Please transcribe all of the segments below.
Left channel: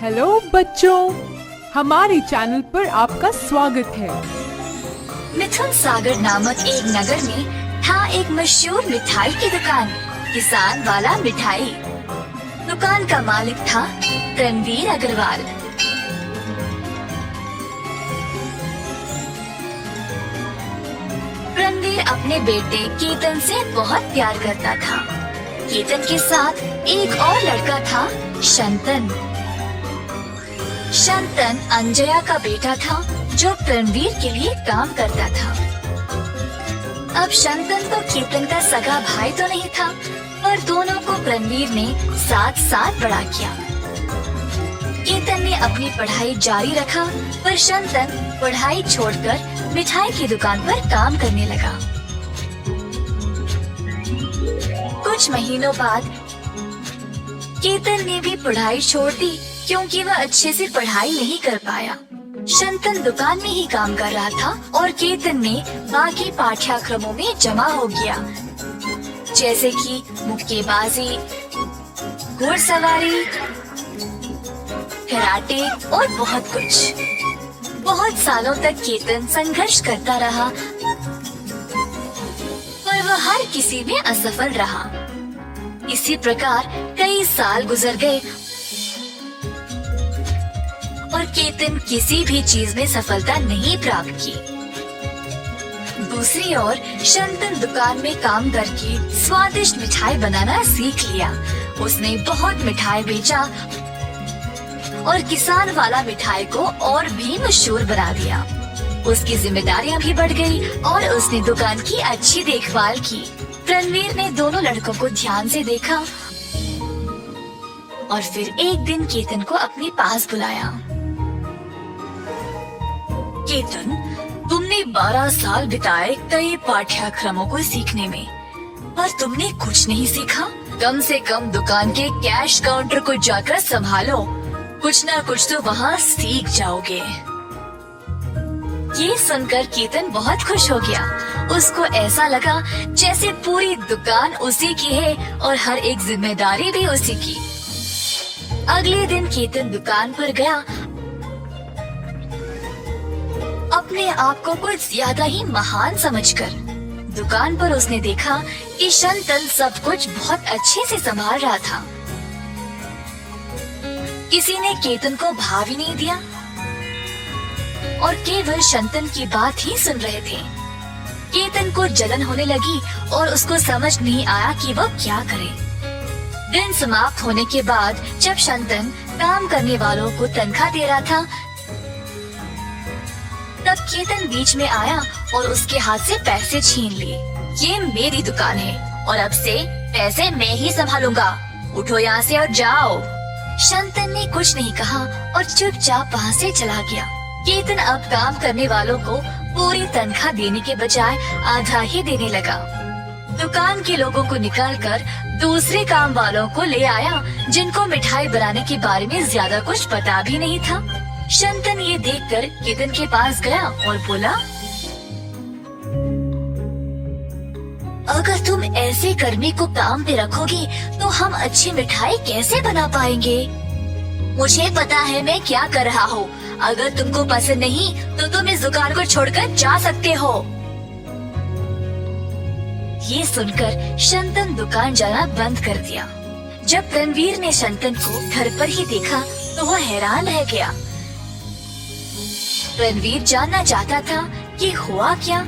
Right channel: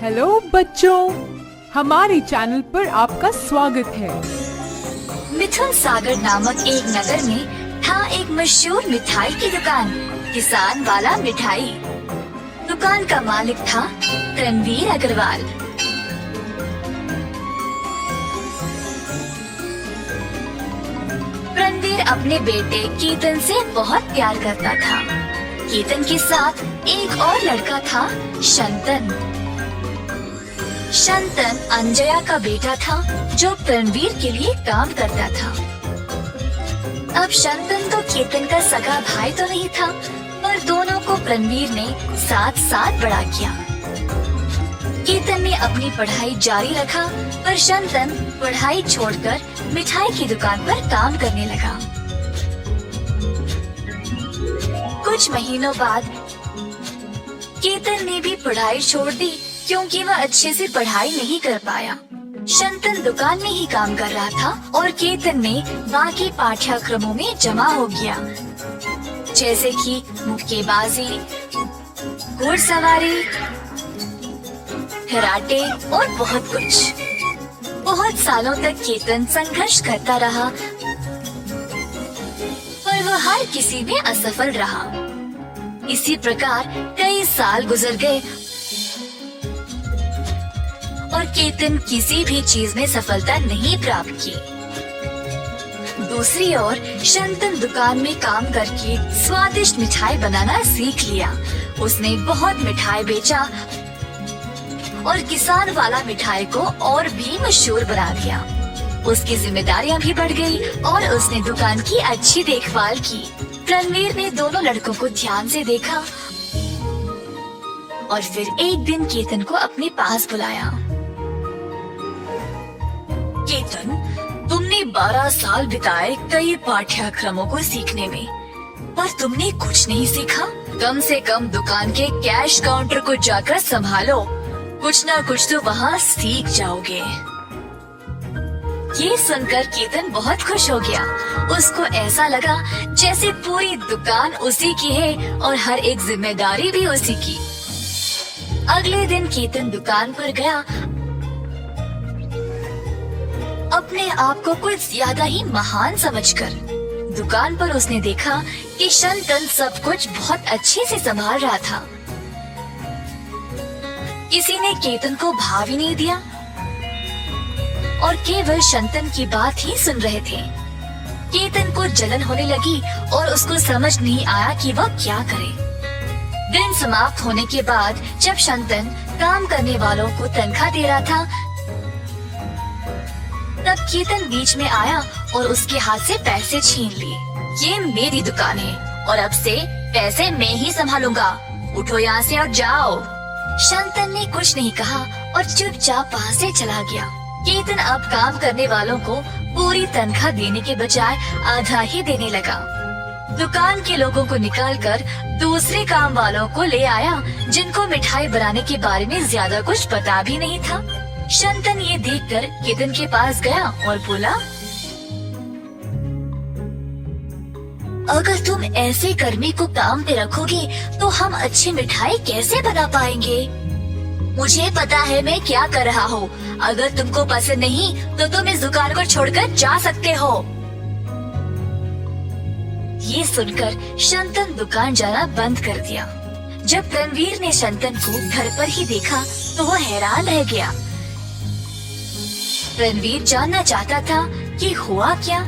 Hello बच्चों, हमारे channel पर आपका स्वागत है। मिथुन सागर नामक एक नगर में था एक मशहूर मिठाई की दुकान, किसान वाला मिठाई। दुकान का मालिक था रणवीर अग्रवाल। रणवीर अपने बेटे केतन से बहुत प्यार करता था। केतन के साथ एक और लड़का था, शंतन। शंतन अंजया का बेटा था जो रणवीर के लिए काम करता था। अब शंतन तो केतन का सगा भाई तो नहीं था, पर दोनों को रणवीर ने साथ साथ बड़ा किया। केतन ने अपनी पढ़ाई जारी रखा, पर शंतन पढ़ाई छोड़कर मिठाई की दुकान पर काम करने लगा। कुछ महीनों बाद केतन ने भी पढ़ाई छोड़ दी, क्योंकि वह अच्छे से पढ़ाई नहीं कर पाया। शंतन दुकान में ही काम कर रहा था और केतन ने बाकी पाठ्यक्रमों में जमा हो गया, जैसे कि मुक्केबाजी, घुड़सवारी, कराटे और बहुत कुछ। बहुत सालों तक केतन संघर्ष करता रहा, पर वह हर किसी में असफल रहा। इसी प्रकार कई साल गुजर गए और केतन किसी भी चीज में सफलता नहीं प्राप्त की। दूसरी ओर शंतन दुकान में काम करके स्वादिष्ट मिठाई बनाना सीख लिया। उसने बहुत मिठाई बेचा और किसान वाला मिठाई को और भी मशहूर बना दिया। उसकी जिम्मेदारियां भी बढ़ गई और उसने दुकान की अच्छी देखभाल की। रणवीर ने दोनों लड़कों को ध्यान से देखा और फिर एक दिन केतन को अपने पास बुलाया। केतन, तुमने 12 साल बिताए कई पाठ्यक्रमों को सीखने में, पर तुमने कुछ नहीं सीखा। कम से कम दुकान के कैश काउंटर को जाकर संभालो, कुछ न कुछ तो वहाँ सीख जाओगे। ये सुनकर केतन बहुत खुश हो गया। उसको ऐसा लगा जैसे पूरी दुकान उसी की है और हर एक जिम्मेदारी भी उसी की। अगले दिन केतन दुकान पर गया। अपने आप को कुछ ज्यादा ही महान समझकर दुकान पर उसने देखा कि शंतन सब कुछ बहुत अच्छे से संभाल रहा था। किसी ने केतन को भाव ही नहीं दिया और केवल शंतन की बात ही सुन रहे थे। केतन को जलन होने लगी और उसको समझ नहीं आया कि वह क्या करे। दिन समाप्त होने के बाद जब शंतन काम करने वालों को तनख्वाह दे रहा था, तब केतन बीच में आया और उसके हाथ से पैसे छीन लिए। ये मेरी दुकान है और अब से पैसे मैं ही संभालूंगा। उठो यहाँ से और जाओ। शंतन ने कुछ नहीं कहा और चुपचाप वहाँ से चला गया। केतन अब काम करने वालों को पूरी तनख्वाह देने के बजाय आधा ही देने लगा। दुकान के लोगों को निकालकर दूसरे काम वालों को ले आया, जिनको मिठाई बनाने के बारे में ज्यादा कुछ पता भी नहीं था। शंतन ये देखकर केतन के पास गया और बोला, अगर तुम ऐसे कर्मी को काम पे रखोगे तो हम अच्छी मिठाई कैसे बना पाएंगे? मुझे पता है मैं क्या कर रहा हूँ। अगर तुमको पसंद नहीं तो तुम इस दुकान को छोड़कर जा सकते हो। ये सुनकर शंतन दुकान जाना बंद कर दिया। जब रणवीर ने शंतन को घर पर ही देखा तो वह हैरान रह गया। रणवीर जानना चाहता था कि हुआ क्या,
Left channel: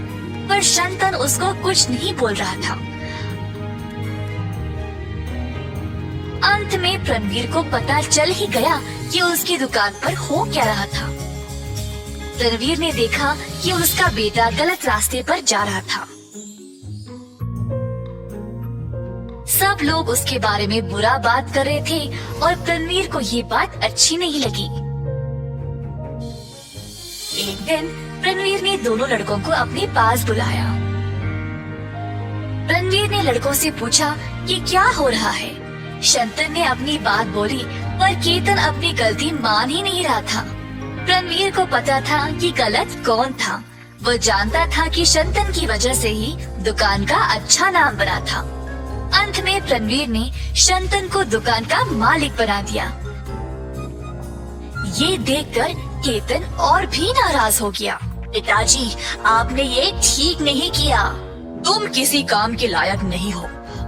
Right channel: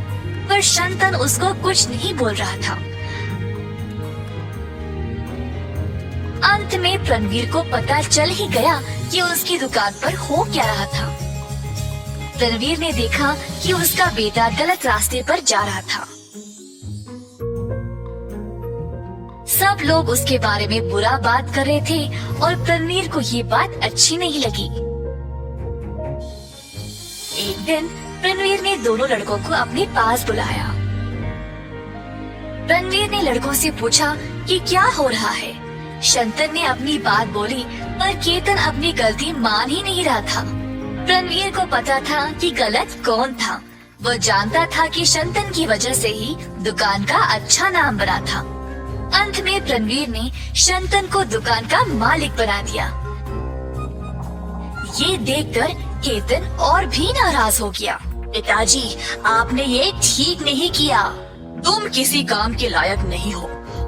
पर शंतन उसको कुछ नहीं बोल रहा था। अंत में रणवीर को पता चल ही गया कि उसकी दुकान पर हो क्या रहा था। रणवीर ने देखा कि उसका बेटा गलत रास्ते पर जा रहा था। सब लोग उसके बारे में बुरा बात कर रहे थे और रणवीर को ये बात अच्छी नहीं लगी। एक दिन रणवीर ने दोनों लड़कों को अपने पास बुलाया। रणवीर ने लड़कों से पूछा कि क्या हो रहा है। शंतन ने अपनी बात बोली, पर केतन अपनी गलती मान ही नहीं रहा था। रणवीर को पता था कि गलत कौन था। वो जानता था कि शंतन की वजह से ही दुकान का अच्छा नाम बना था। अंत में रणवीर ने शंतन को दुकान का मालिक बना दिया। ये देखकर केतन और भी नाराज हो गया। पिताजी, आपने ये ठीक नहीं किया। तुम किसी काम के लायक नहीं हो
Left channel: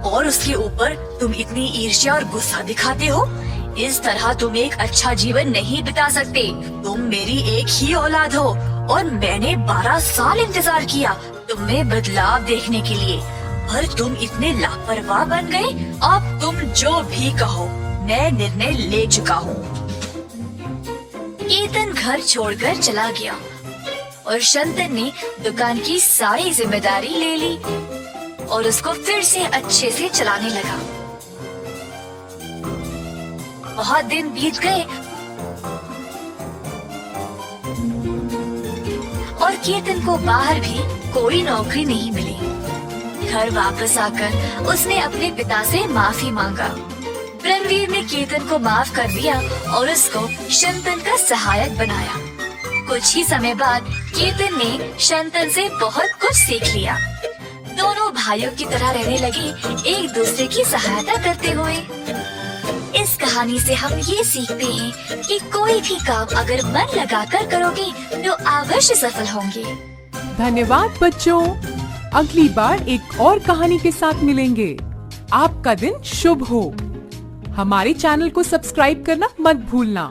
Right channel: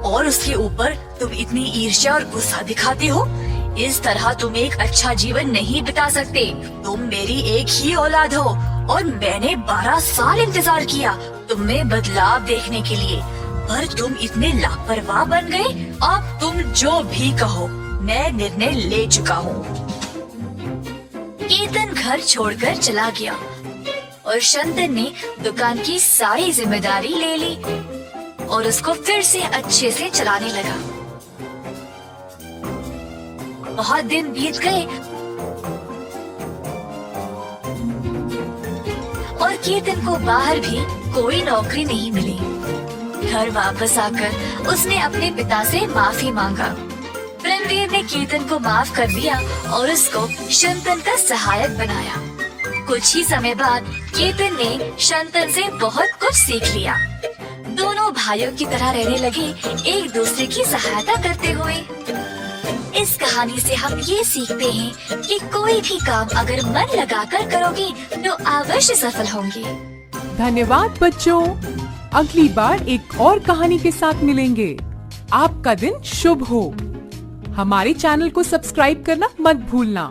और उसके ऊपर तुम इतनी ईर्ष्या और गुस्सा दिखाते हो। इस तरह तुम एक अच्छा जीवन नहीं बिता सकते। तुम मेरी एक ही औलाद हो और मैंने 12 साल इंतजार किया तुम में बदलाव देखने के लिए, पर तुम इतने लापरवाह बन गए। अब तुम जो भी कहो, मैं निर्णय ले चुका हूँ। केतन घर छोड़कर चला गया और शंतन ने दुकान की सारी जिम्मेदारी ले ली और उसको फिर से अच्छे से चलाने लगा। बहुत दिन बीत गए और केतन को बाहर भी कोई नौकरी नहीं मिली। घर वापस आकर उसने अपने पिता से माफी मांगा। ब्रह्मवीर ने केतन को माफ कर दिया और उसको शंतन का सहायक बनाया। कुछ ही समय बाद केतन ने शंतन से बहुत कुछ सीख लिया। दोनों भाइयों की तरह रहने लगे, एक दूसरे की सहायता करते हुए। इस कहानी से हम ये सीखते हैं कि कोई भी काम अगर मन लगाकर करोगे तो अवश्य सफल होंगे। धन्यवाद बच्चों। अगली बार एक और कहानी के साथ मिलेंगे। आपका दिन शुभ हो। हमारे चैनल को सब्सक्राइब करना मत भूलना।